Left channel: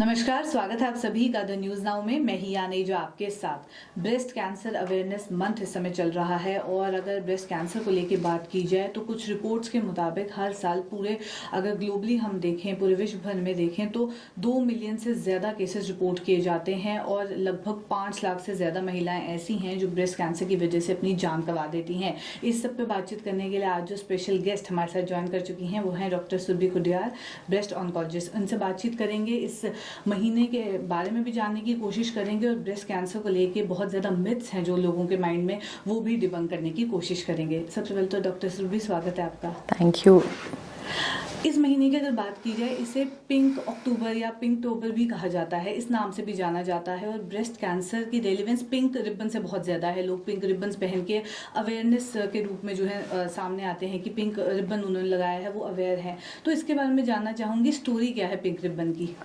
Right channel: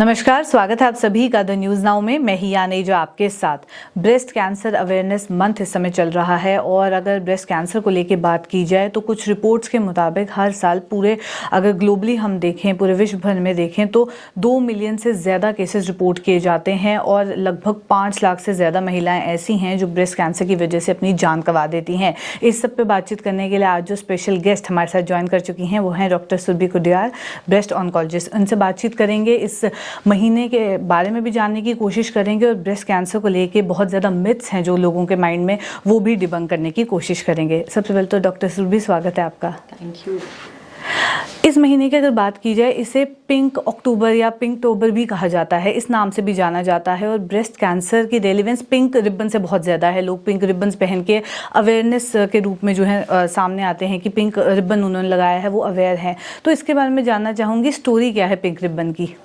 नमस्कार, स्वागत है आप सभी का द न्यूज़ नाउ में। मैं ही यानी जो आपके साथ। ब्रेस्ट कैंसर अवेयरनेस मंथ इस समय चल रहा है और अगर ब्रेस्ट कैंसर को लेके बात की जाए तो कुछ रिपोर्ट्स के मुताबिक हर साल पूरे अगर ग्लोबली हम देखें, पूरे विश्व भर में देखें तो 2 मिलियन से ज़्यादा केसेस रिपोर्ट किए जाते हैं और लगभग 5 लाख से ज़्यादा महिलाएं ऐसी हैं जो ब्रेस्ट कैंसर की वजह से अपनी जान गंवा देती हैं। इस सब पे बातचीत करने के लिए आज जो स्पेशल गेस्ट हमारे साथ ज्वाइन कर चुकी हैं वो हैं doctor Surbhi Kudiyal, breast oncologist. उनसे बातचीत करेंगे, इस महीने के बारे में भी जानने की कोशिश करेंगे और ब्रेस्ट कैंसर को लेके बहुत ज़्यादा मिथ्स हैं जो लोगों के माइंड में, वो भी डिबंक करने की कोशिश करेंगे। सबसे पहले तो डॉक्टर सुरभि, स्वागत है आपका। Thank you. इस महीने की अगर बात की जाए, इसे पिंक अक्टूबर या पिंक टोबर भी कहा जाता है, इस नाम से भी जाना जाता है और ब्रेस्ट कैंसर की रेलेवेंस पिंक रिबन से बहुत ज़्यादा है। लोग पिंक रिबन्स पहन के अवेयरनेस के रूप में जो है सामने आते हैं कि पिंक रिबन उन्होंने लगाया है, वो अवेयर है। तो इसके बारे में जानना चाहूँगी, स्टोरी क्या है पिंक रिबन की?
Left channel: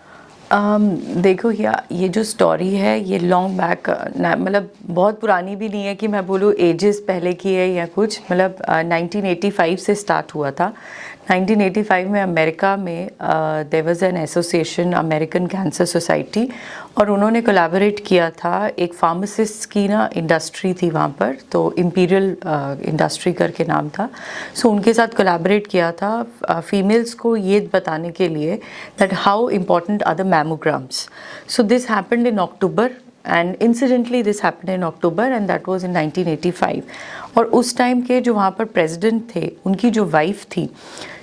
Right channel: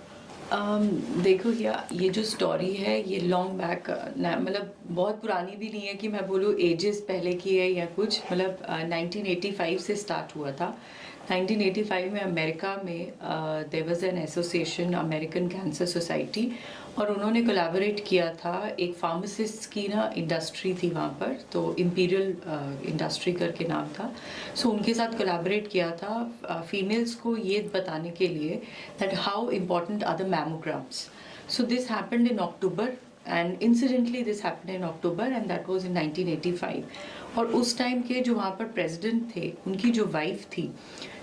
देखो ये जो स्टोरी है ये लॉन्ग बैक, मतलब बहुत पुरानी भी नहीं है कि मैं बोलूँ एजेस पहले की है या कुछ, मतलब 1985 से स्टार्ट हुआ था। 1985 में अमेरिका में there was an association, American cancer society, और उन्होंने कोलैबोरेट किया था। एक फार्मासिस्ट की ना इंडस्ट्री थी वहाँ पर, तो इम्पीरियल इंडस्ट्री करके नाम था। सो उनके साथ कोलैबोरेट किया था फीमेल्स को ये बताने के लिए that how important are the mammograms. So this happened in October and incidentally this happened in October and that was in 1985। और उस टाइम के जो वहाँ पर प्रेसिडेंट थे, उनकी जो वाइफ थी,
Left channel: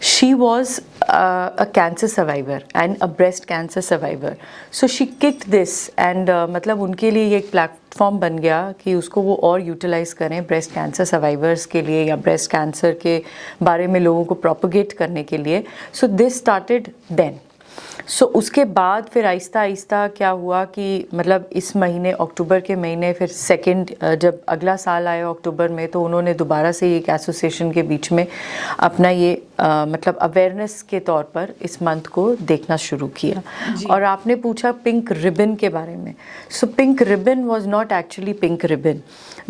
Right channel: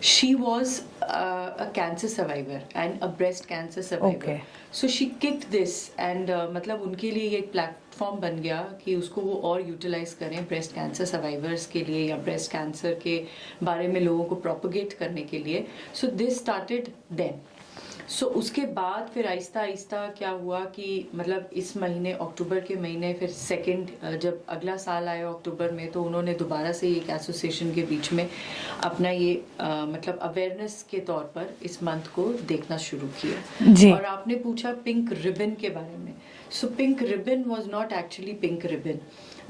she was a cancer survivor and a breast cancer survivor. So she kicked this and मतलब उनके लिए ये एक प्लेटफॉर्म बन गया कि उसको वो और यूटिलाइज करें ब्रेस्ट कैंसर सर्वाइवर्स के लिए या ब्रेस्ट कैंसर के बारे में लोगों को प्रोपोगेट करने के लिए। So this started then. So उसके बाद फिर आहिस्ता आहिस्ता क्या हुआ कि मतलब इस महीने, अक्टूबर के महीने, फिर सेकंड जब अगला साल आया अक्टूबर में, तो उन्होंने दोबारा से एक एसोसिएशन के बीच में अपना ये मतलब अवेयरनेस के तौर पर इस मंथ को देखना शुरू किया। और आपने पूछा पिंक रिबन के बारे में। So pink ribbon was not actually pink ribbon.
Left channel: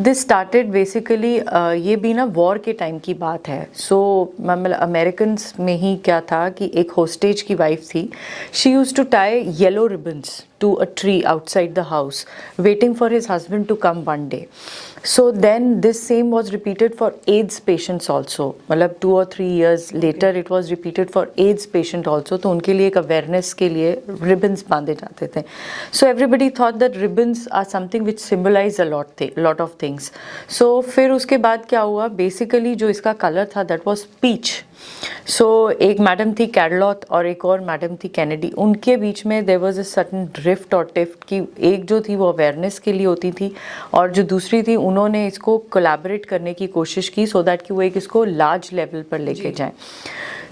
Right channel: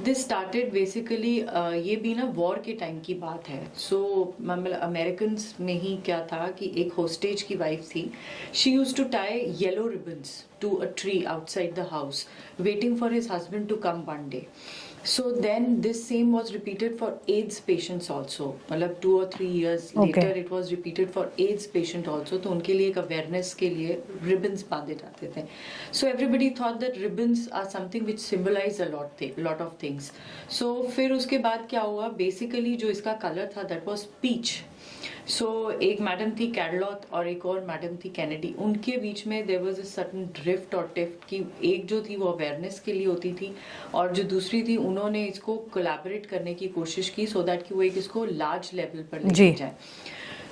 This started basically, ये भी ना वॉर के टाइम की बात है। सो मतलब अमेरिकन में ही क्या था कि एक होस्टेज की वाइफ थी। She used to tie yellow ribbons to a tree outside the house, waiting for his husband to come one day. So then this same was repeated for AIDS patients also. मतलब 2 or 3 years later it was repeated for AIDS patient also. तो उनके लिए एक awareness के लिए ribbons बांधे जाते थे. So everybody thought that ribbons are something which symbolize a lot of things. So फिर उसके बाद क्या हुआ? Basically जो इसका color था that was peach. सो एक मैडम थी कैरलॉथ और एक और मैडम थी कैनेडी। उनके बीच में there was a certain drift और टिफ्ट की, एक जो थी वो अवेयरनेस के लिए होती थी और जो दूसरी थी उन्होंने इसको कोलैबोरेट करने की कोशिश की सो दैट कि वो एक इसको लार्ज लेवल पर लेके जाए।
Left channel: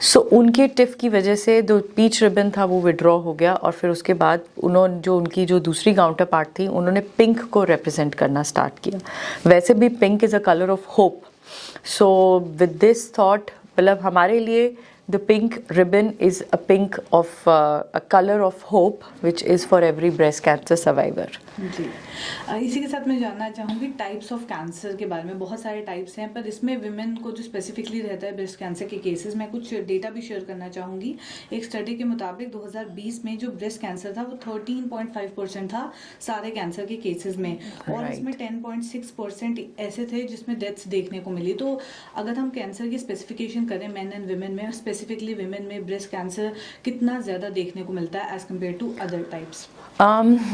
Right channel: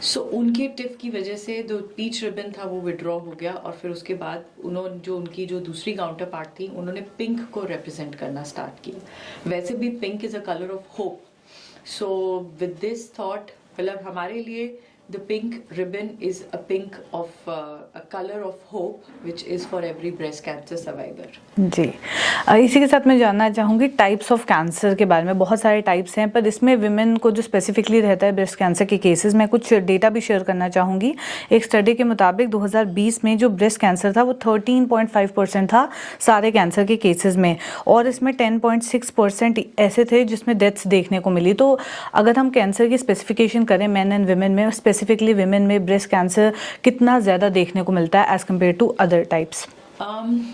सो उनके टिफ की वजह से जो पीच रिबन था वो विड्रॉ हो गया और फिर उसके बाद उन्होंने जो उनकी जो दूसरी काउंटर पार्ट थी उन्होंने पिंक को रिप्रेजेंट करना स्टार्ट किया। वैसे भी pink is a colour of hope. So with this thought, मतलब हमारे लिए the pink ribbon is a pink of a color of hope which is for every breast cancer survivor। जी, इसी के साथ मैं जानना चाहूँगी टाइप्स ऑफ कैंसर के बारे में। बहुत सारे टाइप्स हैं पर इसमें विमेन को जो स्पेसिफिकली रहता है ब्रेस्ट कैंसर के केसेस में, कुछ डेटा भी शेयर करना चाहूँगी। एक स्टडी के मुताबिक 2020 में जो ब्रेस्ट कैंसर था वो 13.5% था सारे कैंसर के केसेस में और इसमें 10.6% ऐसे थे जिसमें डेथ्स देखने को मिली। तो अगर हम कैंसर की स्पेसिफिकेशन करें मेन एंड विमेन में, स्पेसिफिकली विमेन में ब्रेस्ट कैंसर कितना ज़्यादा देखने को मिलता है as compared to other types?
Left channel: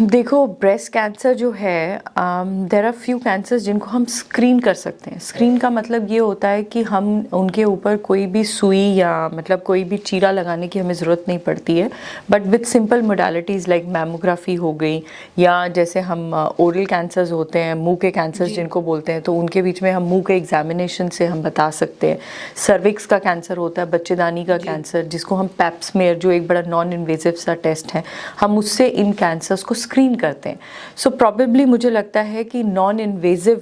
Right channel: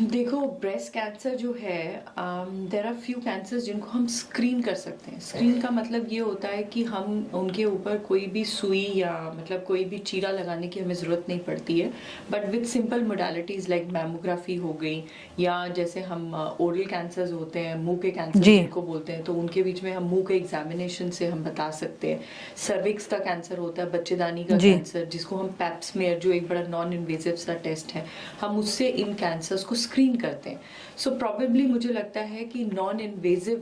देखो ब्रेस्ट कैंसर जो है, देर आर फ्यू कैंसर्स जिनको हम स्क्रीन कर सकते हैं। स्क्रीन का मतलब ये होता है कि हम उनके ऊपर कोई भी सुई या मतलब कोई भी चीरा लगाने की हमें ज़रूरत नहीं पड़ती है, but with simple modalities like mammography हो गई या जैसे हम ओरल कैंसर्स होते हैं, मुंह के कैंसर्स जिनको बोलते हैं, तो उनके बीच में हम मुंह के एग्जामिनेशन से हम बता सकते हैं। सर्विक्स का कैंसर होता है, बच्चेदानी का कैंसर, जिसको हम पैप्समेयर, जो एक बड़ा नॉन इन्वेजिव सा टेस्ट है, हम उससे इन कैंसर्स को स्क्रीन करते हैं। सो प्रॉबेबली मुझे लगता है कि नॉन इन्वेजिव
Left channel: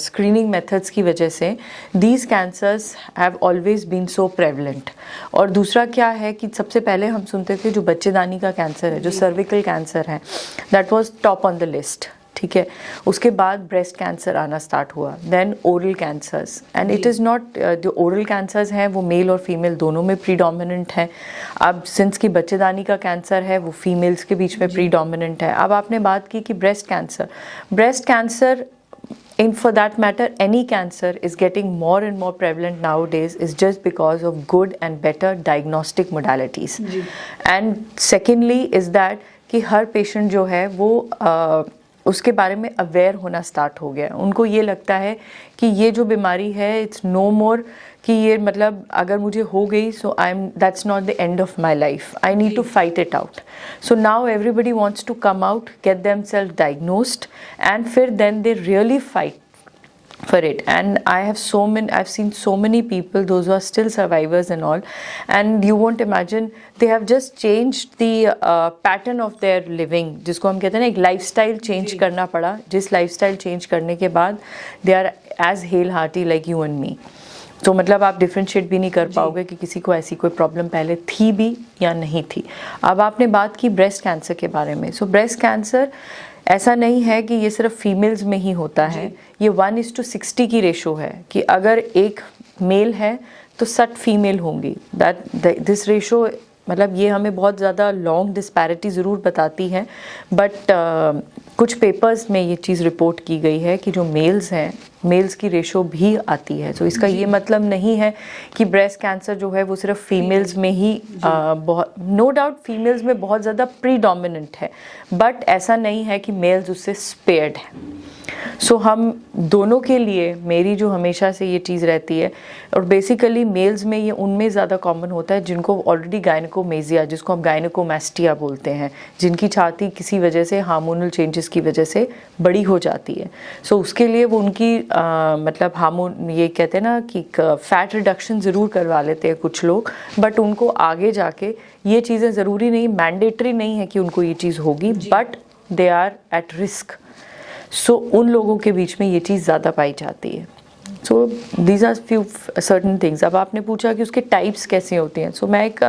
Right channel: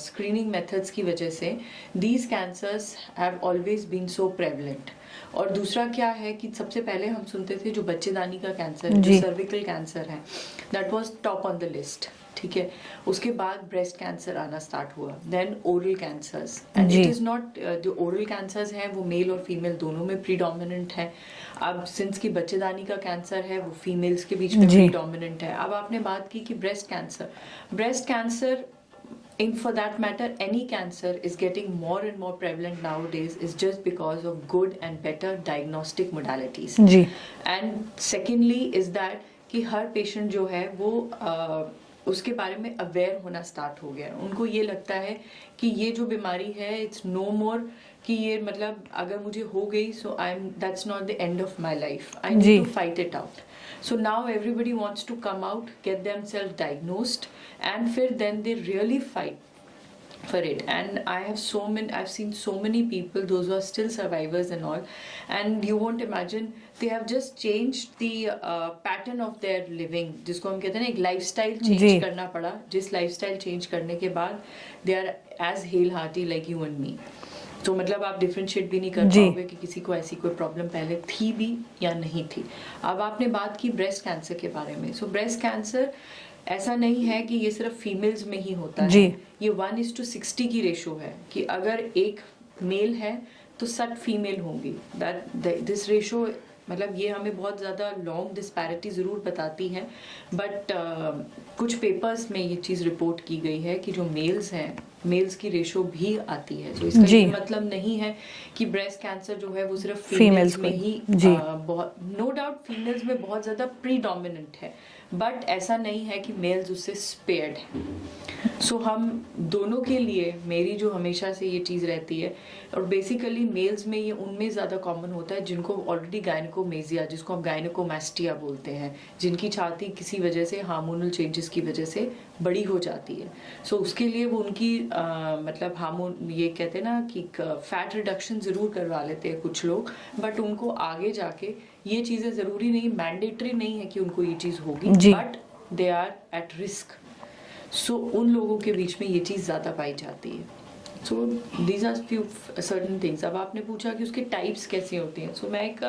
स्क्रीनिंग मेथड्स की वजह से these cancers have always been so prevalent. और दूसरा क्या है कि सबसे पहले हम सुनते थे जो बच्चेदानी का कैंसर है, जो सर्विकल कैंसर है, that was top on the list. ठीक है, उसके बाद ब्रेस्ट कैंसर आना स्टार्ट हुआ, then oral cancers, and it is not, जो ओरल कैंसर्स हैं वो मेल और फीमेल दोनों में प्रीडोमिनेंट है। अब सिंस की बच्चेदानी का कैंसर है वो फीमेल्स के बीच में प्रीडोमिनेंट है। अब आपने बात की कि breast cancer in for that matter any cancer is getting more and more prevalent nowadays is just because of good and better diagnostic modalities जी. and secondly is that कि हर पेशेंट जो है वो उसके बारे में अवेयर होना स्टार्ट हो गया। उनको ये लगता है कि ये जो बीमारी है इट्स नो मोर, कि ये मतलब अगर मुझे हो गई so I am, that's not the end of my life, I need to fight it out. So now everybody wants to come out, get themselves diagnosed and फिर then they really fight for it. And I've seen so many people, those who are still survivors and all, and you won't imagine, they have just changed the pattern of their living, जिसको हम कहते हैं ना एक lifestyle change करना पड़ा, जिस lifestyle change करने के बाद they are as hale hearty like you and me। तो मतलब आप डिफ्रेंशिएट भी नहीं कर पाओगे कि किसी को ऐसी कोई प्रॉब्लम पहले थी भी या नहीं थी। अब आपने बात की ब्रेस्ट कैंसर के बारे में। सो ब्रेस्ट कैंसर ऐसा नहीं है कि ये सिर्फ फीमेल्स में ही होता है, ये 1:60 की रेशो है कि अगर एक मेल है तो 60 फीमेल होंगी। दिस रेशो मतलब ये हमें बहुत ज़्यादा लॉन्ग डिस्पैरिटी ज़रूर बताती है, बट कुछ पेपर्स में ये चीज़ रिपोर्ट की गई है कि जो मेल्स हैं, मेल्स की रेशो भी आती है। तो इसका ये मतलब नहीं है कि ब्रेस्ट कैंसर जो है वो सिर्फ फीमेल्स में ही बहुत, नो डाउट फीमेल्स में बहुत ज़्यादा प्रीडोमिनेंट है, बट ऐसा नहीं है कि मेल्स उससे स्पेयर्ड हैं। सो हम दोनों के लिए मेरी जो हमेशा से ये चीज़ रहती है, और बेसिकली मेल्स में ये उनमें ज़्यादा कॉमन होता है जिनको ऑलरेडी गायनेकोमेजिया, जिसको हम गायनेकोमेस्टिया बोलते हैं, जिनकी छाती किसी वजह से हार्मोनल चेंजेस की वजह से बड़ी हो जाती है। सो उसके लिए वो उनकी मतलब हार्मोन, ये कहते हैं ना कि फैट रिडक्शन ज़रूर करवा लेते हैं कुछ लोग, बट उनको आगे जाके ये चीज़ें ज़रूरी नहीं, मैंडेटरी नहीं है कि उनको ये चीज़ होगी, but they are at risk. So उन लोगों के बीच में ये चीज़ ज़्यादा पाई जाती है। So these are few certain things. अब आपने पूछा कि उसके टाइप्स कैसे होते हैं। सो मैं एक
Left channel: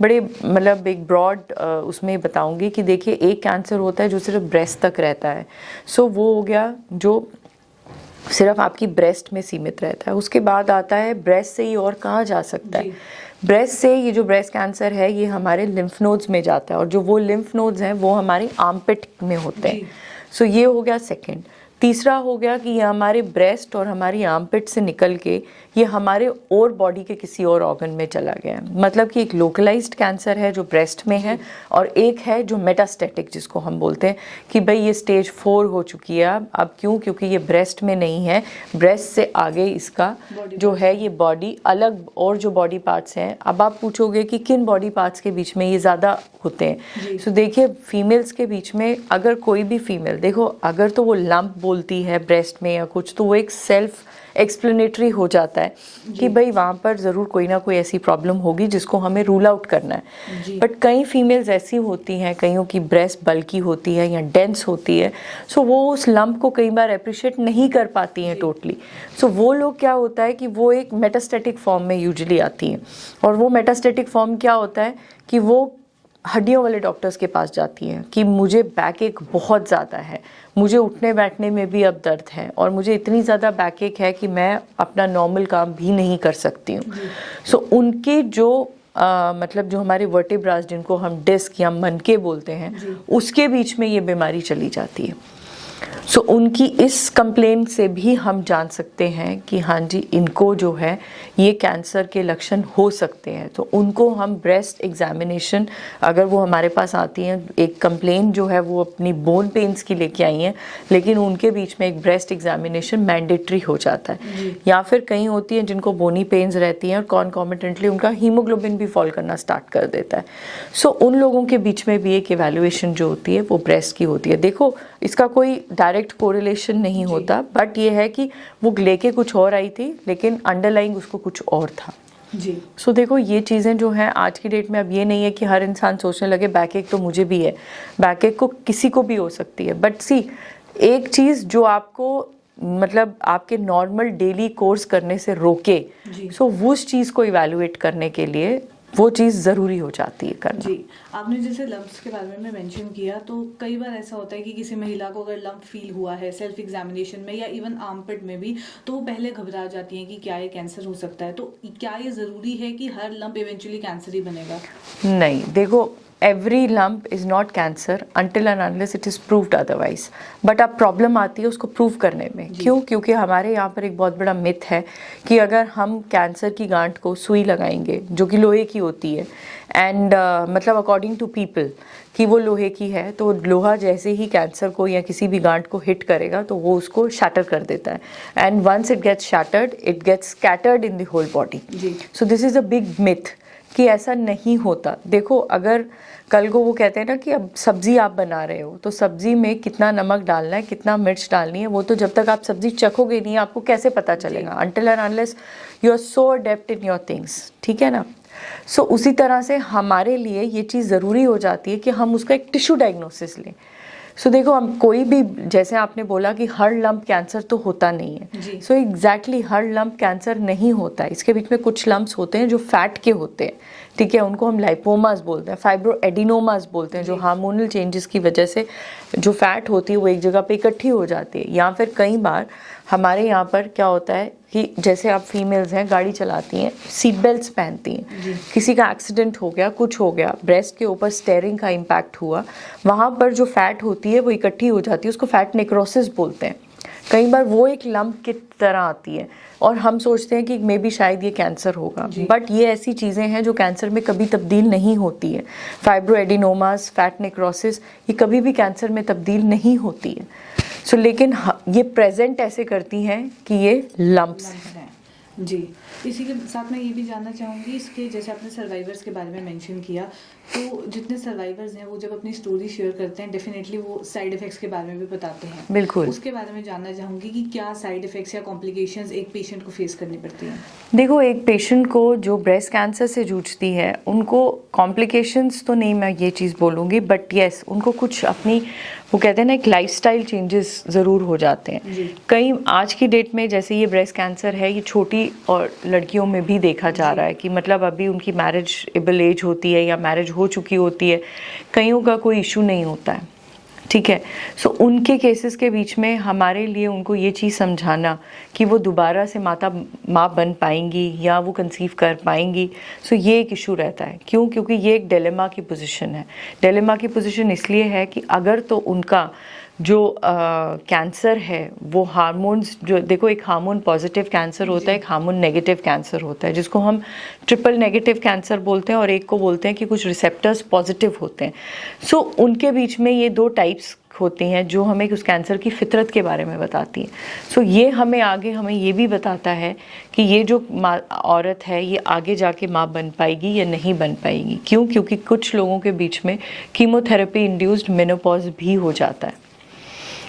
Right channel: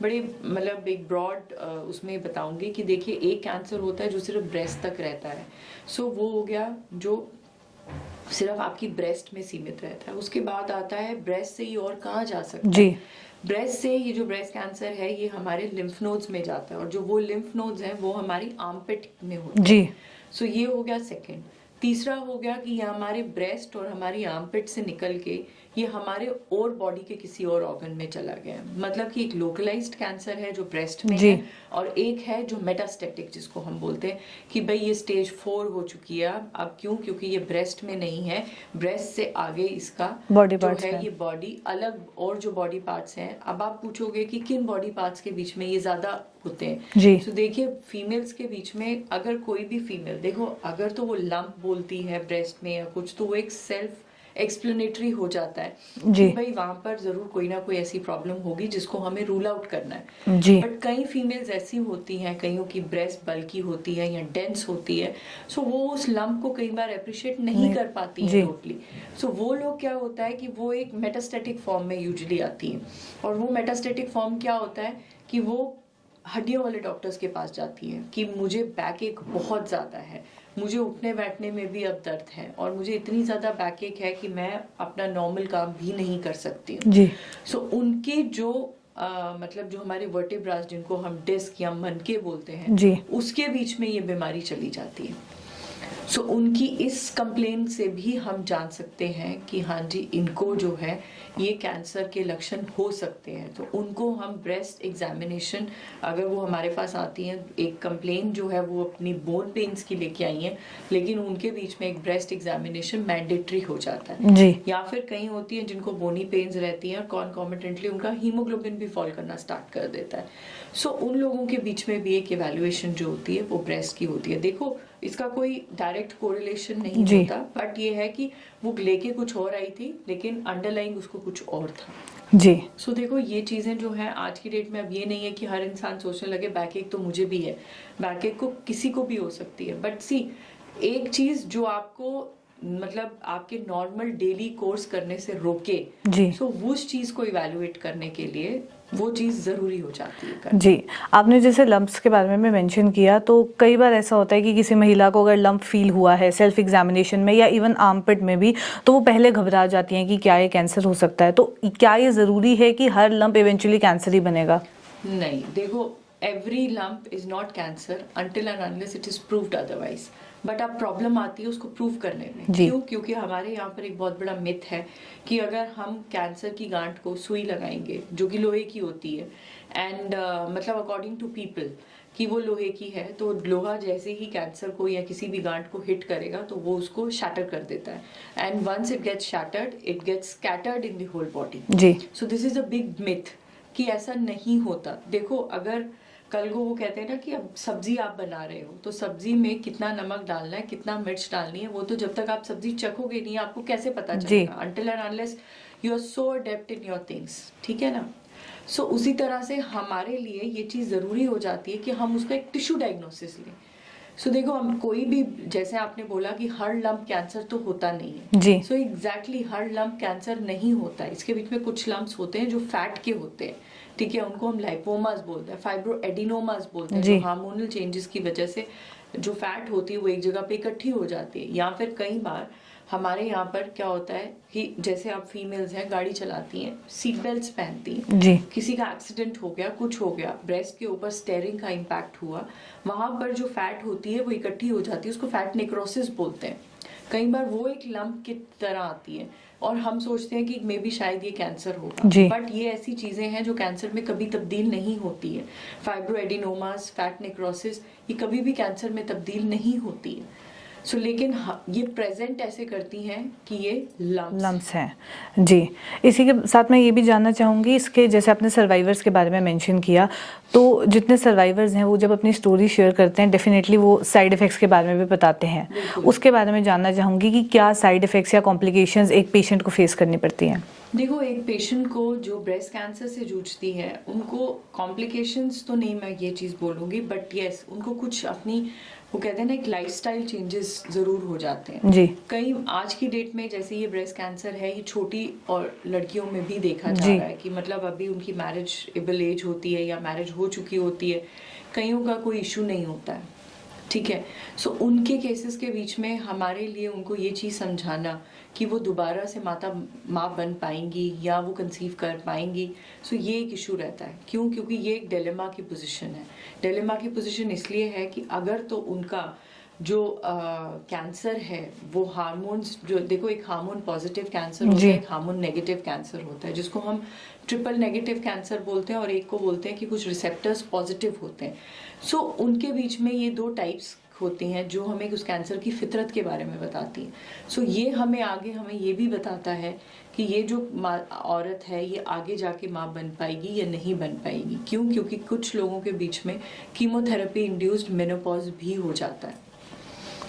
बड़े मतलब एक ब्रॉड उसमें बताऊंगी कि देखिए, एक कैंसर होता है जो सिर्फ ब्रेस्ट तक रहता है। सो वो हो गया जो सिर्फ आपकी ब्रेस्ट में सीमित रहता है। उसके बाद आता है ब्रेस्ट से ही और कहाँ जा सकता है। ब्रेस्ट से ये जो ब्रेस्ट कैंसर है ये हमारे लिम्फ नोड्स में जाता है, और जो वो लिम्फ नोड्स हैं वो हमारी आर्मपिट में होते हैं। सो ये हो गया सेकंड। तीसरा हो गया कि ये हमारे ब्रेस्ट और हमारी आर्मपिट से निकल के ये हमारे और बॉडी के किसी और ऑर्गन में चला गया। मतलब कि एक लोकलाइज्ड कैंसर है जो ब्रेस्ट में है, और एक है जो मेटास्टेटिक, जिसको हम बोलते हैं कि भाई ये स्टेज 4 हो चुकी है। अब क्यों? क्योंकि ये ब्रेस्ट में नहीं है, ब्रेस्ट से आगे इसका जो है ये बॉडी अलग और जो बॉडी पार्ट्स हैं। अब आप पूछोगे कि किन बॉडी पार्ट्स के बीच में ये ज़्यादा होते हैं। तो देखिए, फीमेल्स के बीच में अगर कोई भी फीमेल देखो, अगर तो वो लंप बोलती है ब्रेस्ट में या कुछ, तो वो एक सेल्फ एक्सप्लेनेटरी हो जाता है कि भाई वहाँ पर ज़रूर कोई ना कोई ऐसी प्रॉब्लम होगी जिसको हमें रूल आउट करना है। बट कई फीमेल्स ऐसी होती हैं, कईयों की ब्रेस्ट बल्की होती है या डेंस होती है, सो वो उस लंप को कई बार अप्रिशिएट नहीं कर पाती हैं टोटली। सो वो लोग क्या होता है कि वो एक मेटास्टेटिक फॉर्म में यूजुअली आती हैं, और वो मेटास्टेटिक फॉर्म क्या होता है कि वो हड्डियों वाले डॉक्टर्स के पास जाती हैं कि मुझे बैक एक बहुत ज़्यादा है, मुझे उठने बैठने में भी अब दर्द है, और मुझे इतनी ज़्यादा बैक एक है कि मैं अपना नॉर्मल काम भी नहीं कर सकती हूँ। सो उनके जो मतलब जो हमारे वर्टेब्रास, जिनको हम डिस्क या मनके बोलते हैं, उसके बीच में ये बीमारी चली जाती है। सो उनकी इस कंप्लेंट से भी हम जान सकते हैं कि हाँ जी, इनको जो है ये कैंसर के लक्षण हो सकते हैं। तो उनको हम ब्रेस्ट एग्जामिनेशन, अगर वो हमारे पास आती हैं, एक कंप्लेंट जो है वो अपनी बोन पेन्स की लेके आई हैं, लेकिन उनके बीच में एक ब्रेस्ट एग्जामिनेशन मैंडेटरी हो जाता है। या फिर कहीं होती हैं जिनको बोनी पेन्स रहती हैं और कॉन्कॉमिटेंटली उनका हीमोग्लोबिन भी फॉल करना स्टार्ट कर देता है। सो उन लोगों के बीच में भी एक इवैल्यूएशन जो होती है वो ब्रेस्ट की होती है। देखो, इसका कोई डायरेक्ट कोरिलेशन नहीं होता, बट ये है कि वो लेके कुछ और आई थी, लेकिन अंडरलाइंग उसको कुछ और था। जी। सो देखो, ये चीज़ें जो हैं आज की डेट में, अब ये नहीं है कि हर इंसान सोचने लगे बैक एक तो मुझे भी है, बैक एक को किसी को भी हो सकती है। बट सी, एक चीज़ जो आपको मतलब आपके नॉर्मल डेली कोर्स करने से रोके, सो उस चीज़ को इवैल्यूएट करने के लिए वो चीज़ ज़रूरी हो जाती है करना। जी, आपने जैसे लम्प्स के बारे में मेंशन किया, तो कई बार ऐसा होता है कि किसी महिला को अगर लम्प फील हुआ है सेल्फ एग्जामिनेशन में या इवन आर्मपिट में भी, तो वो पहले घबरा जाती हैं कि क्या ये कैंसर हो सकता है। तो क्या ये ज़रूरी है कि हर लम्प इवेंचुअली कैंसर ही बनेगा? नहीं, देखो, every lump is not cancer until and unless it is proved otherwise। But अब प्रॉब्लम आती है उसको प्रूव करने में। क्यों? क्योंकि हमारे यहाँ पर एक बहुत बड़ा मिथ है कि अगर हम कैंसर की गांठ को सुई लगाएंगे जो कि लोहे की होती है, एंड मतलब अकॉर्डिंग टू पीपल कि वो लोहे की है, तो लोहा जैसे ही कैंसर को या किसी भी गांठ को हिट करेगा तो वो उसको शैटर कर देता है, and once it gets shattered it gets scattered in the whole body. जी। So this is a big myth कि ऐसा नहीं होता। देखो, अगर कल को वो कहते हैं ना कि अब सब्जी आप बना रहे हो तो सब्जी में कितना नमक डालना है, कितना मिर्च डालनी है, वो तो जब तक आप सब्जी चखोगे नहीं आपको कैसे पता चलेगा, until and unless you are so adept in your things. ठीक है ना? सो उसी तरह से हमारे लिए ये चीज़ ज़रूरी हो जाती है कि हम उसका एक टिश्यू डायग्नोसिस लें। सो देखो, हम कोई भी, जैसे आपने बोला कि हर लंप कैंसर तो होता नहीं है जी। सो एग्जैक्टली हर लंप कैंसर नहीं होता है। इसके बीच में कुछ लंप्स होते हैं जो फैट के होते हैं, ठीक है, उनको हम लाइपोमास बोलते हैं, फाइब्रोएडिनोमास बोलते हैं, जो हार्मोनल चेंजेस की वजह से जो फैट होती है वो एक जगह पे इकट्ठी हो जाती है। या फिर कई बार हमारे यहाँ पर क्या होता है कि जैसे आप फीमेल्स हैं, गाड़ी चलाती हैं, सीट बेल्ट्स पहनती हैं, जी। किसी का एक्सीडेंट हो गया, कुछ हो गया, ब्रेस्ट के ऊपर स्टेयरिंग का इम्पैक्ट हुआ, वहाँ पर जो फैट होती है वो इकट्ठी हो जाती है, उसको फैट नेक्रोसिस बोलते हैं। कई बार वो एक लंप की तरह आती है और हम सोचते हैं कि मे बी शायद ये कैंसर होगा, बट ये ऐसी चीज़ें हैं जो कैंसर में कभी तब्दील नहीं होती है। फाइब्रोएडिनोमास, फैट नेक्रोसिस, ये कभी भी कैंसर में तब्दील नहीं होती है। सो लेकिन ये प्रेजेंट ऐसे करती हैं कि ये लम्प्स हैं। जी, इसी के साथ मैं ये भी जानना चाहूँगी, इसके जैसे आपने सर्वाइवर्स के बारे में मेंशन किया, तो जितने सर्वाइवर्स हैं वो जब अपनी स्टोरी शेयर करते हैं डेफिनेटली वो साइड इफ़ेक्ट्स के बारे में भी बताते हैं। बिल्कुल। उसके बारे में जानना चाहूँगी कि क्या साइड इफ़ेक्ट्स या कॉम्प्लिकेशंस एक पेशेंट को फेस करनी पड़ती हैं? देखो, एक पेशेंट को जो ब्रेस्ट कैंसर से जूझती है उनको कॉम्प्लिकेशंस तो नहीं मैं ये चीज़ बोलूँगी, बट येस उनको कुछ अपनी, वो कहते हैं ना, एक लाइफस्टाइल चेंजेस ज़रूर हो जाते हैं। जी। कई आज की डेट में जैसे ये ब्रेस्ट कैंसर है, ये छोटी और लड़कियों में भी देखा जा रहा है कि मतलब अभी उनकी मैरिज एबल एज होती है या मैरिज हो चुकी होती है, कईयों का कोई इशू नहीं होता है। ठीक है, सो उनके केसेस के बीच में हमारे लिए उनको ये चीज़ समझाना कि वो दोबारा से माँ बन पाएंगी या वो कंसीव कर पाएंगी, सो ये एक इशू रहता है। क्यों? क्योंकि ये एक डिलेमा की पोजीशन है। डिलेमा की पोजीशन इसलिए है कि अगर तो उनका जो कैंसर है वो हार्मोन्स, जो देखो, एक हार्मोन पॉजिटिव कैंसर होता है, एक हार्मोन नेगेटिव कैंसर होता है, जिसको हम ट्रिपल नेगेटिव कैंसर बोलते हैं, और एक को बोलते हैं कि कुछ रिसेप्टर्स पॉजिटिव होते हैं। सो उनके बीच में ये दो टाइप्स होती हैं जो हमें उस कैंसर की फितरत के बारे में बताती हैं। सो ये हमें आगे हमें ये भी बताता है कि ये जो औरत है ये आगे जाके माँ बन पाएगी या नहीं बन पाएगी। क्यों? क्योंकि कुछ लोगों के बीच में कीमोथेरेपी इंड्यूस्ड मेनोपॉज भी हो जाता है।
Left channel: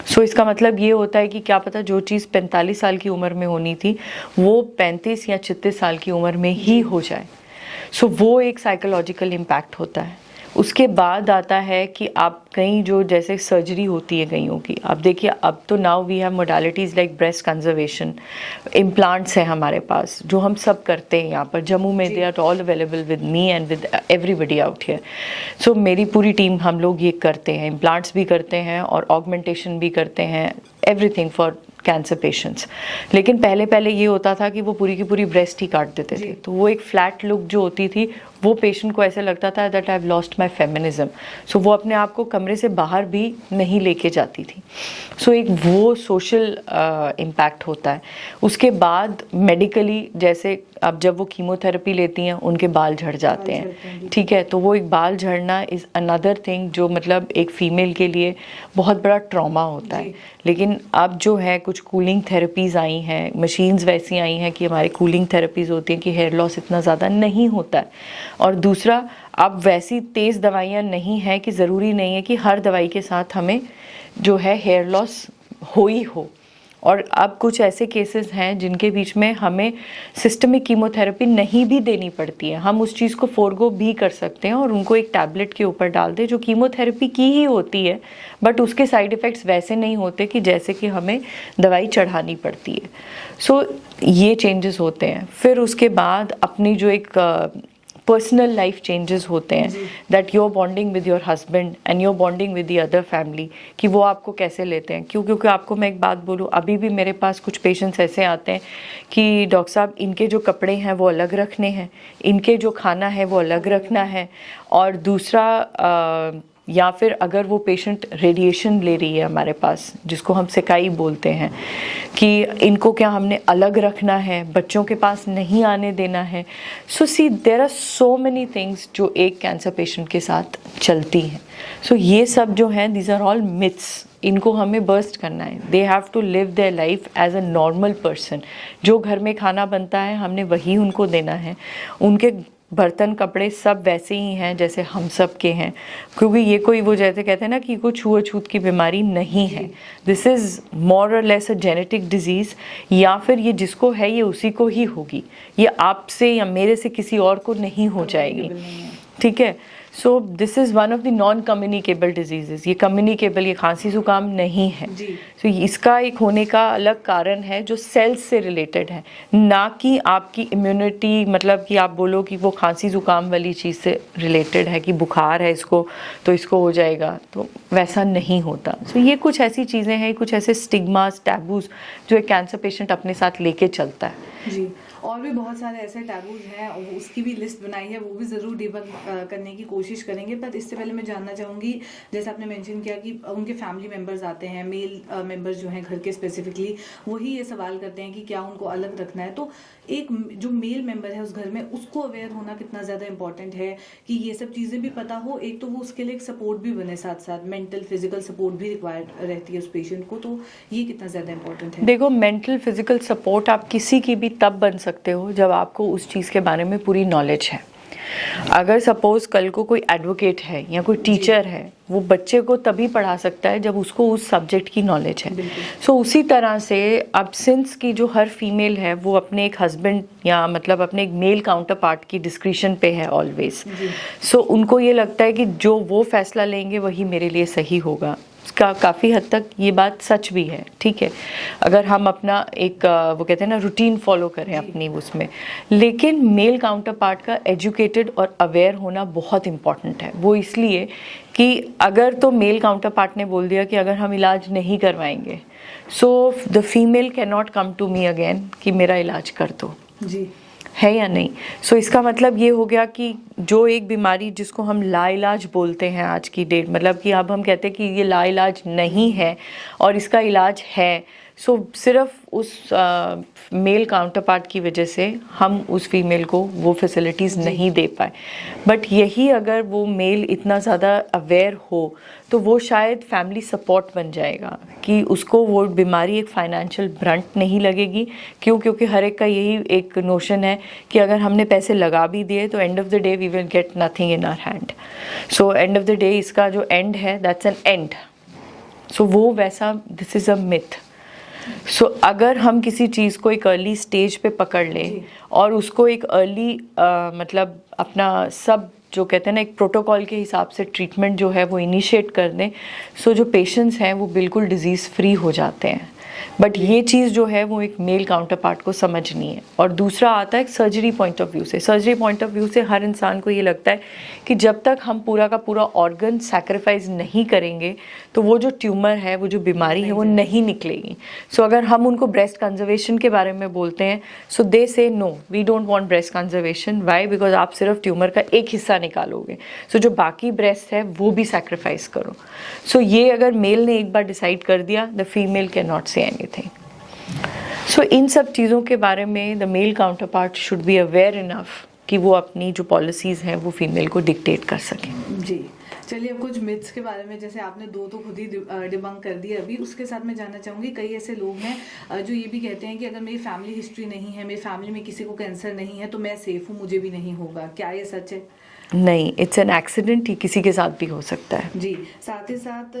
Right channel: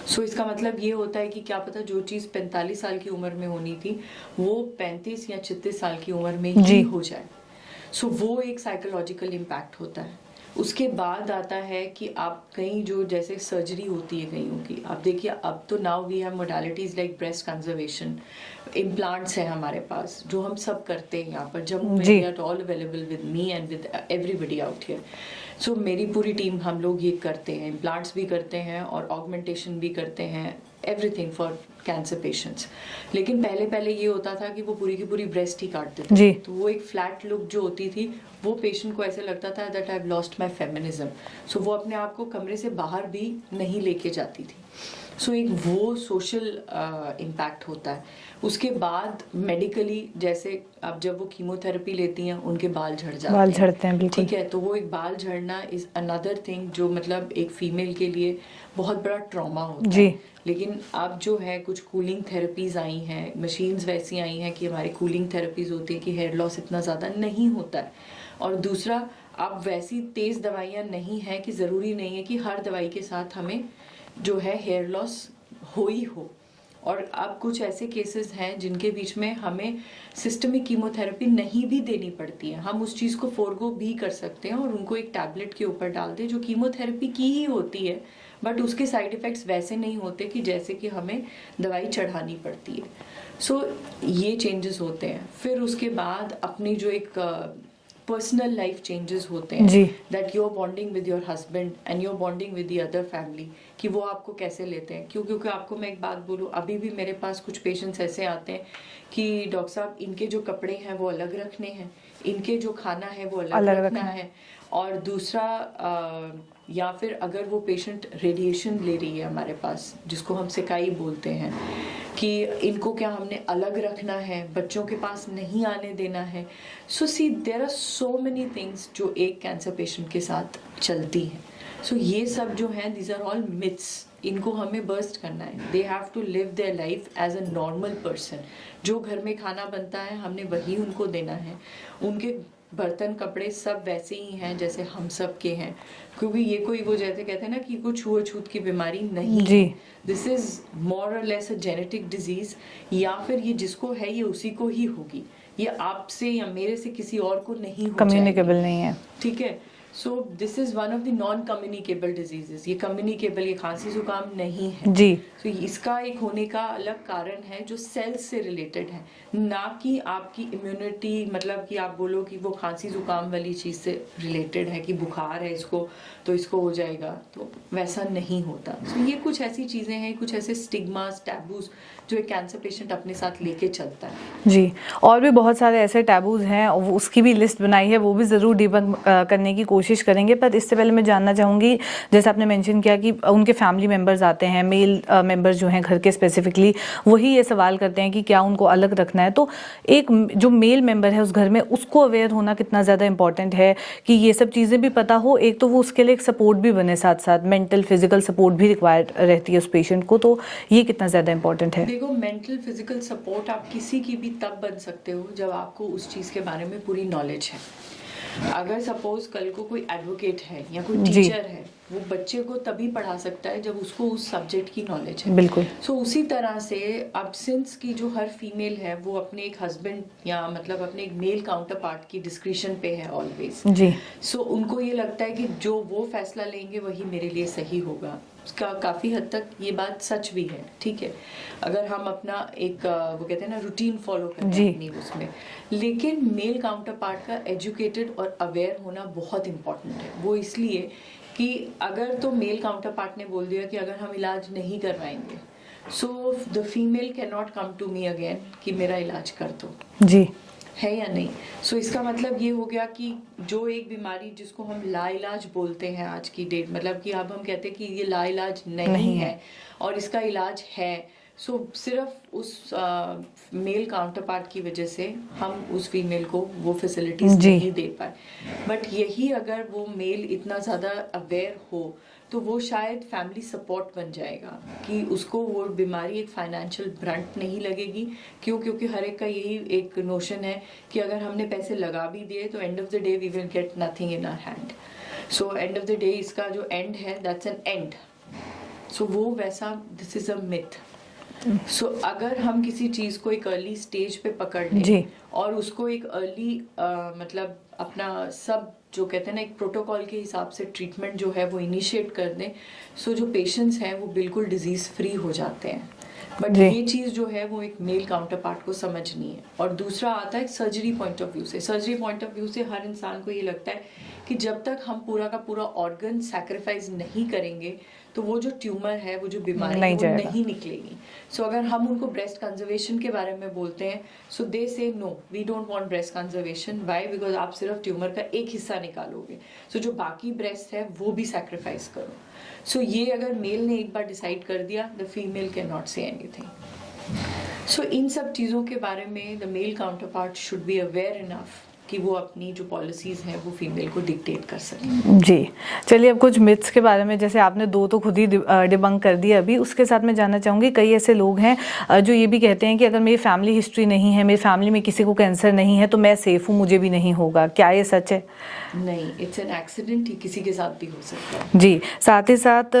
सो इसका मतलब ये होता है कि क्या पता जो चीज़ 45 साल की उम्र में होनी थी वो 35 या 36 साल की उम्र में ही हो जाए। सो वो एक साइकोलॉजिकल इम्पैक्ट होता है। उसके बाद आता है कि आप कहीं जो जैसे सर्जरी होती है कईयों की, आप देखिए अब तो now we have modalities like breast conservation, implants हैं हमारे पास जो हम सब करते हैं यहाँ पर जम्मू में, they are all available with me and with everybody out here. So मेरी पूरी टीम हम लोग ये करते हैं, इम्प्लांट्स भी करते हैं और ऑगमेंटेशन भी करते हैं, एवरीथिंग फॉर कैंसर पेशेंट्स। लेकिन पहले ये होता था कि वो पूरी की पूरी ब्रेस्ट ही काट देते थे, तो वो एक फ्लैट लुक जो होती थी वो पेशेंट को ऐसे लगता था that I have lost my feminism. So वो अपने आप को कमरे से बाहर भी नहीं लेके जाती थी। सो एक वो सोशल इम्पैक्ट होता है। उसके बाद मेडिकली, जैसे अब जब वो कीमोथेरेपी लेती हैं उनके बाल झड़ जाते हैं, ठीक है, तो वो एक बाल झड़ना इज़ अनदर थिंग जो मतलब एक फीमेल के लिए बहुत बड़ा ट्रॉमा होता है। लेकिन अब जो है कुछ कूलिंग थेरेपीज़ आई हैं, मशीन्स वैसी आई हैं कि हमारी कूलिंग थेरेपीज़ होती हैं कि हेयर लॉस इतना ज़्यादा नहीं होता है। और दूसरा, अब वैसी तेज़ दवाइयाँ नहीं हैं कि ज़रूरी नहीं है कि हर दवाई के साथ हमें जो है हेयर लॉस हो ही हो। और अब कुछ ऐसे केसेस हैं जिनके बीच में हमें सिस्टमिक कीमोथेरेपी नहीं भी देनी पड़ती है, हम उस चीज़ को फोरगो भी कर सकते हैं और उनको एक टैबलेट के ऊपर डाल दें जो कीमोथेरेपी की ही होती है, बट उसके साइड इफ़ेक्ट्स वैसे नहीं होते कि जैसे कि हमें दवाई चढ़ानी पड़ती है। सो ये चेंजेस होते हैं। फिर उसके बाद अपनी जो एक पर्सनल लाइफ चेंजेस होते जी। हैं, that your bonding with your husband and your bonding with the other family, कि वो आपको कैसे लेते हैं। क्योंकि आपको मैं एक बात बोलूँ, अभी भी मेरे पास कुछ पेशेंट्स ऐसे आते हैं कि डॉक्टर साहब इनके जो कपड़े हैं वो अलग रखने हैं, इनके जो खाना है वो अलग रखना है, और दूसरा या फिर अगर वो पेशेंट रेडिएशन ले रही है हमारे पास, जिसको हम सिकाई बोलते हैं, कि इनको क्या हमने अलग रखना है, बच्चों के पास नहीं आने देना है। So see there are so many things जो एक कैंसर पेशेंट के साथ चलती हैं। सो ये सब जो हैं, दीज आर ऑल मिथ्स, इनको हमें बर्स्ट करना है। They have to live their life as a normal person. जो घर में खाना बनता है हमने वही उनको देना है, उनके बर्तन कपड़े सब वैसे ही हैं जैसे हम सब के हैं, क्योंकि ये कोई वो जैसे कहते हैं ना कि कोई छुआछूत की बीमारी नहीं है। दिस इज़ मोर और लेस अ जेनेटिक डिजीज़, या फिर ये जिसको है ये उसी को ही होगी, ये आपसे या मेरे से किसी और को नहीं हो जाएगी, नहीं है। ठीक है। सो this is one of the non communicable diseases. ये कम्युनिकेबल, ये खांसी जुकाम नहीं है जी। सो इसका एक होने का अलग कारण है जो सेल्स से रिलेटेड है, ना कि आपकी इम्यूनिटी, मतलब कि आप बोलो कि वो खांसी जुकाम वाली चीज़ से रिलेटेड है कि बुखार है इसको तो इसको हो जाएगा, तो वैसा नहीं होता। सो ये कुछ ऐसी चीज़ें हैं, कुछ ऐसे स्टिग्मास, टैबूज जो एक कैंसर पेशेंट अपने साथ लेके चलता है। जी, और भी बहुत सारे ऐसे टैबूज हैं, उसकी भी लिस्ट बनाई है, वो भी ज़रूर डिबंक करने की कोशिश करेंगे। पर इससे पहले मैं जानना चाहूँगी, जैसे आपने मेंशन किया कि उनके फैमिली मेंबर्स आते हैं, मेल मेंबर्स जो हैं घर के स्पेसिफिकली, वही ये सवाल करते हैं कि क्या उनको अलग रखना है। तो एक जो मेल मेंबर है उस घर में, उसको अवेयर होना कितना ज़्यादा इंपॉर्टेंट है कि ये सब चीज़ें भी पता हो। एक तो वो उसके लिए एक सपोर्ट भी बने, साथ साथ मेंटल फिजिकल सपोर्ट भी रिक्वायर्ड रहती है उस पेशेंट को, तो ये कितना ज़्यादा इंपॉर्टेंट है? देखो, मेंटल फिजिकल सपोर्ट आप किसी की भी तब बन सकते हो जब आपको उस चीज़ के बारे में पूरी नॉलेज है। अगर सपोज कल को कोई एडवोकेट है या कोई टीचर है, वो बच्चे को तभी पढ़ा सकता है जब उसको उस सब्जेक्ट की नॉलेज है। बिल्कुल। सो उसी तरह से अब सिंस की जो हर फीमेल है वो अपने एक हस्बैंड या मतलब अपने एक मेल काउंटर पार्ट की डिस्क्रिप्शन पे है ऑलवेज। जी। सो उनको ये लगता है कि जो वो फैसला लेंगे वही मेरे लिए सही होगा। का काफ़ी हद तक ये बात सच भी है, ठीक है, अगर हम अपना एक वो कहते हैं ना रूटीन फॉलो करें अपनी उसमें। लेकिन मेल काउंटर पार्ट का एजुकेटेड और अवेयर होना बहुत इम्पॉर्टेंट है। वो इसलिए कि अगर तो मेल काउंटर पार्ट ने बोल दिया कि अगर हम इलाज नहीं करवाएंगे, so the female can not come to me again कि मेरा इलाज कर दो। जी। है या नहीं? सो इसका मतलब ये हो गया कि जो एक बीमारी जिसको हम लाइलाज बोलते हैं आज की डेट, मतलब कि अब हम कहते हैं कि ये लाइलाज नहीं है और इसका इलाज है, सो सिर्फ उस मेल काउंटर पार्ट की वजह से हम उस फीमेल को वो फैसिलिटीज़ नहीं दे पाए। बट यही अगर वो मेल इतना ज़्यादा अवेयर हो तो वो शायद फैमिली सपोर्ट बन जाएगा कि उसको वो बीमारी एक फाइनेंशियल ब्रंट नहीं लगेगी। क्यों? क्योंकि हर एक का यही एक नोशन है कि अगर हमने पैसे लगा भी दिए तो end of the day we will get nothing in our hand. So end of the day इसका जो एंड है दैट्स एन एंड। सो वो वैसा, दिस इज़ अ मिथ। सो अगर हम किसी चीज़ को एक अर्ली स्टेज पे पकड़ लें और उसको एक अर्ली मतलब अपना सब जो कहते हैं ना एक प्रोटोकॉल के हिसाब से ट्रीटमेंट जो है वो इनिशिएट कर दें, सो जो पेशेंट्स हैं वो बिल्कुल डिजीज़ फ्री हो जाते हैं। बट ये चीज़ जो है वो एक मेल काउंटर पार्ट को समझनी है। और दूसरा आता है सर्जरी पॉइंट ऑफ व्यू से। सर्जरी पॉइंट ऑफ व्यू से हर इंसान को ये लगता है कि जब तक हम पूरा का पूरा ऑर्गन सैक्रिफाइस नहीं करेंगे तो वो जो ट्यूमर है, वो जो बीमारी है वो नहीं निकलेगी। सो अगर हम उनको ब्रेस्ट कंजर्वेशन के बारे में बोलते हैं, so they say no, we don't want breast conservation. Why? Because आप सिर्फ ट्यूमर का एक हिस्सा निकालोगे, सो जो बाकी ब्रेस्ट है वो भी सैक्रिफाइस करो। सो ये अगर मेल ने एक बार डिसाइड कर दिया, the female can not say anything. So इन सब चीज़ों के बारे में the male counterpart should be aware enough कि वो अपनी जो पॉलिसीज़ हैं वो फीमेल को डिक्टेट कर सकें। जी, चलिए अब कुछ मिथ्स के बारे में, जैसे आपने दो तो खुद ही डिबंक कर दिया अभी, उसके साथ मैं जानना चाहूँगी, कई ऐसे लोग हैं जो ये भी कहते हैं कि अगर मेरी फैमिली हिस्ट्री नहीं है, मेरी फैमिली में किसी को कैंसर नहीं है तो मैं सेफ़ हूँ, मुझे भी नहीं होगा। क्या ये सच है? नहीं, इट्स एन एक्सीडेंट, ही किसी के साथ भी हो सकता है। जी, साथ ही साथ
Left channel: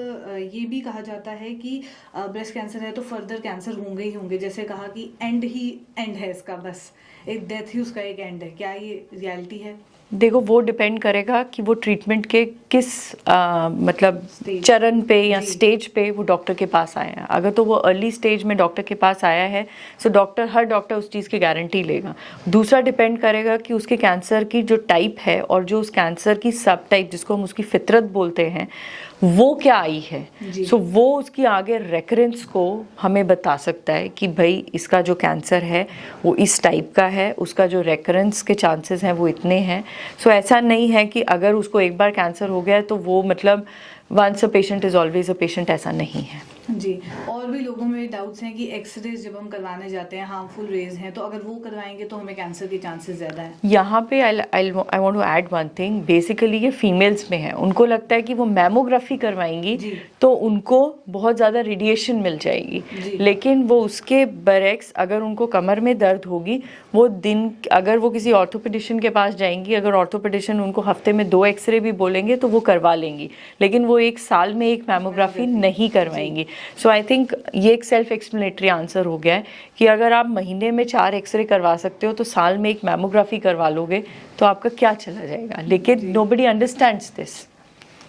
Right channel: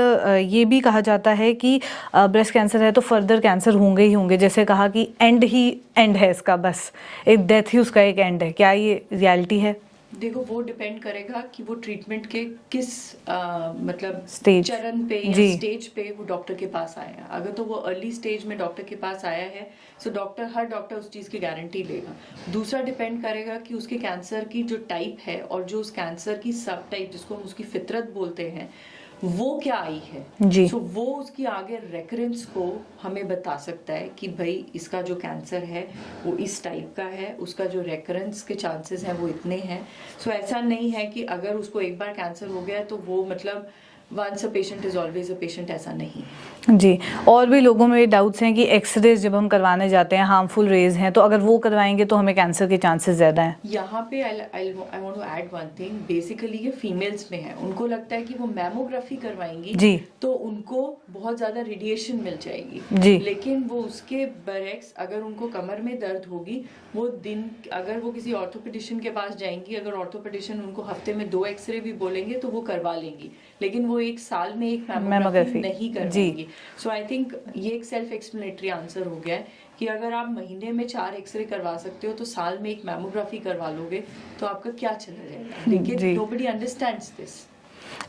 ये भी कहा जाता है कि ब्रेस्ट कैंसर है तो फर्दर कैंसर होंगे ही होंगे, जैसे कहा कि एंड ही एंड है इसका, बस एक डेथ ही उसका एक एंड है। क्या ये रियलिटी है? देखो वो डिपेंड करेगा कि वो ट्रीटमेंट के किस मतलब Stage. चरण पे या जी। स्टेज पे वो डॉक्टर के पास आए हैं। अगर तो वो अर्ली स्टेज में डॉक्टर के पास आया है, सो हर डॉक्टर उस चीज़ की गारंटी लेगा। दूसरा डिपेंड करेगा कि उसके कैंसर की जो टाइप है और जो उस कैंसर की सब टाइप, जिसको हम उसकी फितरत बोलते हैं, वो क्या आई है। जी। सो वो उसकी आगे रेकरेंस को हमें बता सकता है कि भाई इसका जो कैंसर है वो इस टाइप का है, उसका जो रेकरेंस के चांसेस हैं वो इतने हैं। सो ऐसा नहीं है कि अगर उसको एक बार कैंसर हो गया है तो वो मतलब once a patient is always a patient, ऐसा नहीं है। जी। और भी लोगों में डाउट्स हैं कि एक्सरेज जब हम करवाने जाते हैं, हार्मफुल रेज हैं, तो अगर वो करवाएंगे तो हमें कैंसर के चांसेस ज़्यादा हैं। यहाँ पे I want to add one thing. Basically ये फीमेल्स में है, उनको लगता है कि वो मैमोग्राफी करवाएंगी जी। तो उनको बहुत ज़्यादा रेडिएशन मिल जाएगी। जी। लेकिन वो उसके बरक्स अगर उनको कमर में दर्द होगी, वो अगर वो किसी ऑर्थोपेडिशियन के पास जाएंगी, अगर ऑर्थोपेडिशियन उनको हफ्ते में 2 एक्सरे भी बोलेंगे तो वो करवा लेंगी, लेकिन वो 1 साल में एक मैमोग्राफी नहीं करवाएंगी। सो आई थिंक ये एक सेल्फ एक्सप्लेनेटरी आंसर हो गया है कि अगर आप महीने में 4 एक्सरे करवा सकते हो तो साल में एक मैमोग्राफी करवा लोगे तो आपका क्या चला जाएगा। लेकिन नोबडी अंडरस्टैंड्स दिस।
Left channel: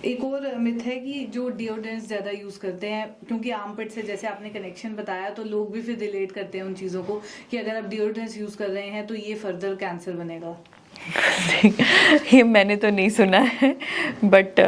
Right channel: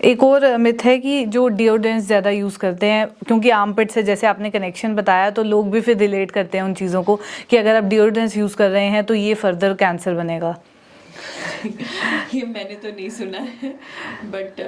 एक और मिथ है कि जो डिओड्रेंट्स ज़्यादा यूज़ करते हैं, क्योंकि आर्मपिट से जैसे आपने कनेक्शन बताया, तो लोग भी फिर रिलेट करते हैं उन चीज़ों को कि अगर आप डिओड्रेंट्स यूज़ कर रहे हैं तो ये फर्दर कैंसर बनेगा। ये मैंने तो नहीं सुना है, बट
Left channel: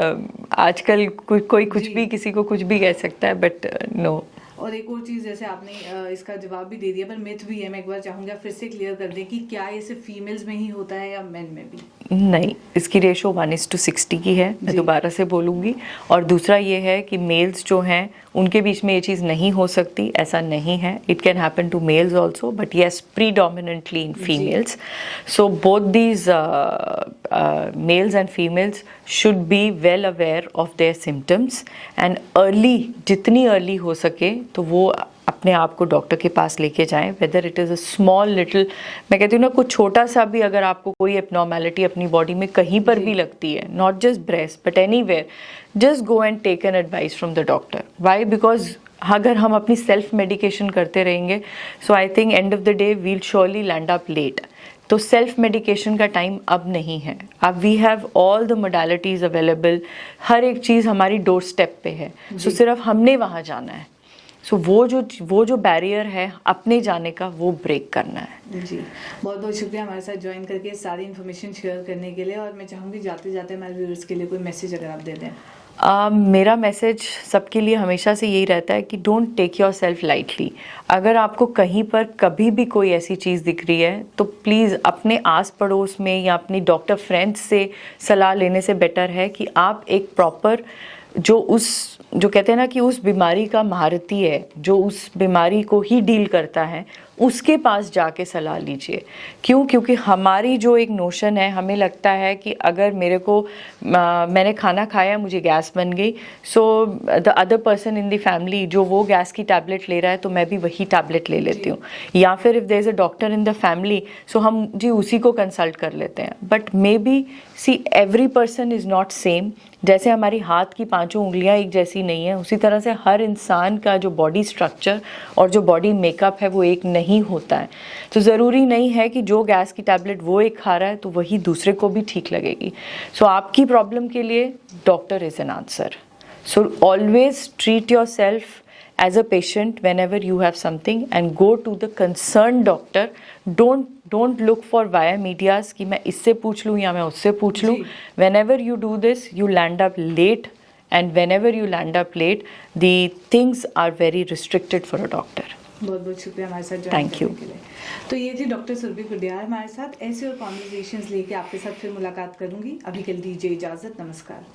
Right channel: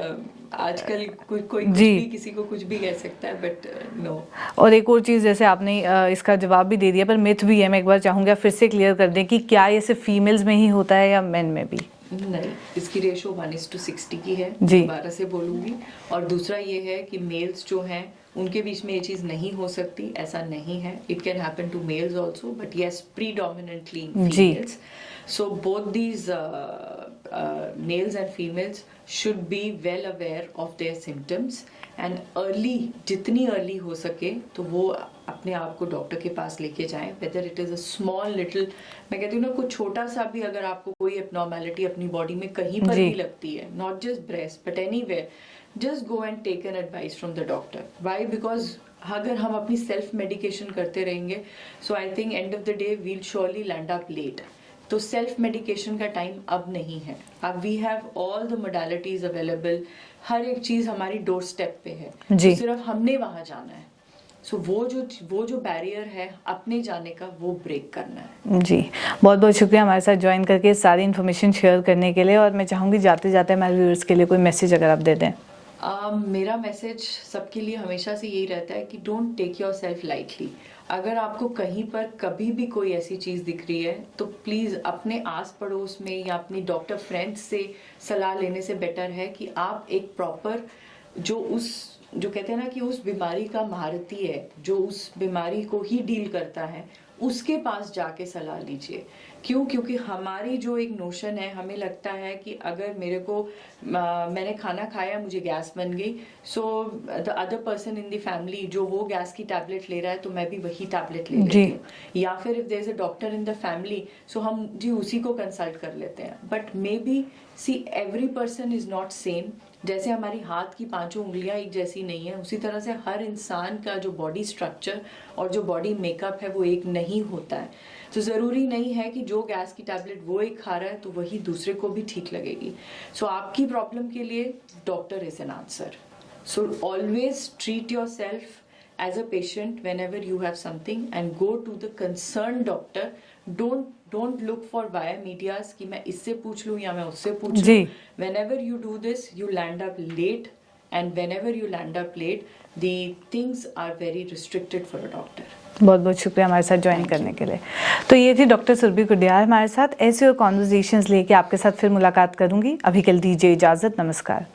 आजकल कोई कुछ भी किसी को कुछ भी कह सकता है, बट नो। और एक और चीज़, जैसे आपने इसका जवाब भी दे दिया पर मिथ भी है, मैं एक बार चाहूँगा फिर से क्लियर कर दें कि क्या ये सिर्फ फीमेल्स में ही होता है या मेन में भी? नहीं, इसकी रेशो 1:60 की है, मैं दोबारा से बोलूँगी। और दूसरा ये है कि मेल्स जो हैं उनके बीच में ये चीज़ नहीं हो सकती, ऐसा नहीं है। It can happen to males also, but yes predominantly in females. So both these males and females should be well aware of their symptoms and early, जितनी अर्ली हो सके तो वो अपने आप को डॉक्टर के पास लेके जाएं। Whether it is a small little, मैं कहती हूँ ना, कुछ छोटा सा भी अगर आपको कोई एबनॉर्मेलिटी अपनी बॉडी में कहीं पर भी लगती है, not just breast but anywhere, just go and take an advice from the doctor. Why? Because अगर हम अपनी सेल्फ मेडिकेशन करते रहेंगे, so I think end of the day will surely land up late. तो सेल्फ मेडिकेशन का time अब नहीं है। अब we have all the modalities available, हर एक चीज़ हमारी डोर स्टेप पे है, तो सिर्फ हमने वहाँ जाना है। सो वो जो बैरियर है अपने जाने का, वो ब्रेक करना है। जी, बहुत बहुत शुक्रिया हमारे साथ ज्वाइन करके सारी इन्फॉर्मेशन शेयर करने के लिए। और मैं चाहूँगी जाते जाते हमारे व्यूअर्स के लिए कोई मैसेज अगर आप दे दें। मेरा मैसेज सबके लिए हमेशा से यही रहता है कि don't take yourself lightly. अगर आपको कहीं पर कभी भी कोई ऐसी चीज़ दिख रही है तो प्लीज़ अपने आस पड़ोस में या अपनी डॉक्टर फ्रेंड्स से सलाह लेने से बेटर है कि आप एक प्रॉपर जो कहते हैं ना कि उस बीमारी का महारती है, जो उस बीमारी को ही डील करता है, उसके पास जाके सलाह लीजिए। क्यों? क्योंकि हमारी जो एक नोशन है, हमें लगता है कि अगर मैंने खाना खाया, मुझे गैस बन गई, so the other person in the family जो वो गैस की टैबलेट ले रहा है तो मैं भी वही टैबलेट ले लेती हूँ। या फिर if there is a doctor in the family, so हम जी उसी को कंसल्ट कर लेते हैं। But maybe see every person is not same. जैसे हमारी हाथ की 5 उंगलियां एक जैसी नहीं है, उसी तरह से हर इंसान का जो बॉडी स्ट्रक्चर और जो बॉडी मेकअप है वो एक नहीं होता है। तो ज़रूरी नहीं है कि जो गैस की टैबलेट वो एक खा रहा है तो वही दूसरे को भी ठीक लगेगी। सो आपकी प्रॉब्लम के लिए doctor is an answer. So always treat your self as a patient whenever you have something and go to the concerned doctor. Don't look for via medias कि मैं इससे पूछ लूँ या मैं उससे पूछ लूँ. Whenever you do this, you land up late, and whenever you land up late, the things are very restricted for a doctor. बहुत बहुत शुक्रिया हमारे साथ ज्वाइन करने के लिए। तो ये थी डॉक्टर सुरभि कुडियाल हमारे साथ। ऐसे और कॉन्वर्जेशंस लेके आपके साथ फिर मुलाकात करूंगी। अभी के लिए दीजिए इजाज़त। नमस्कार।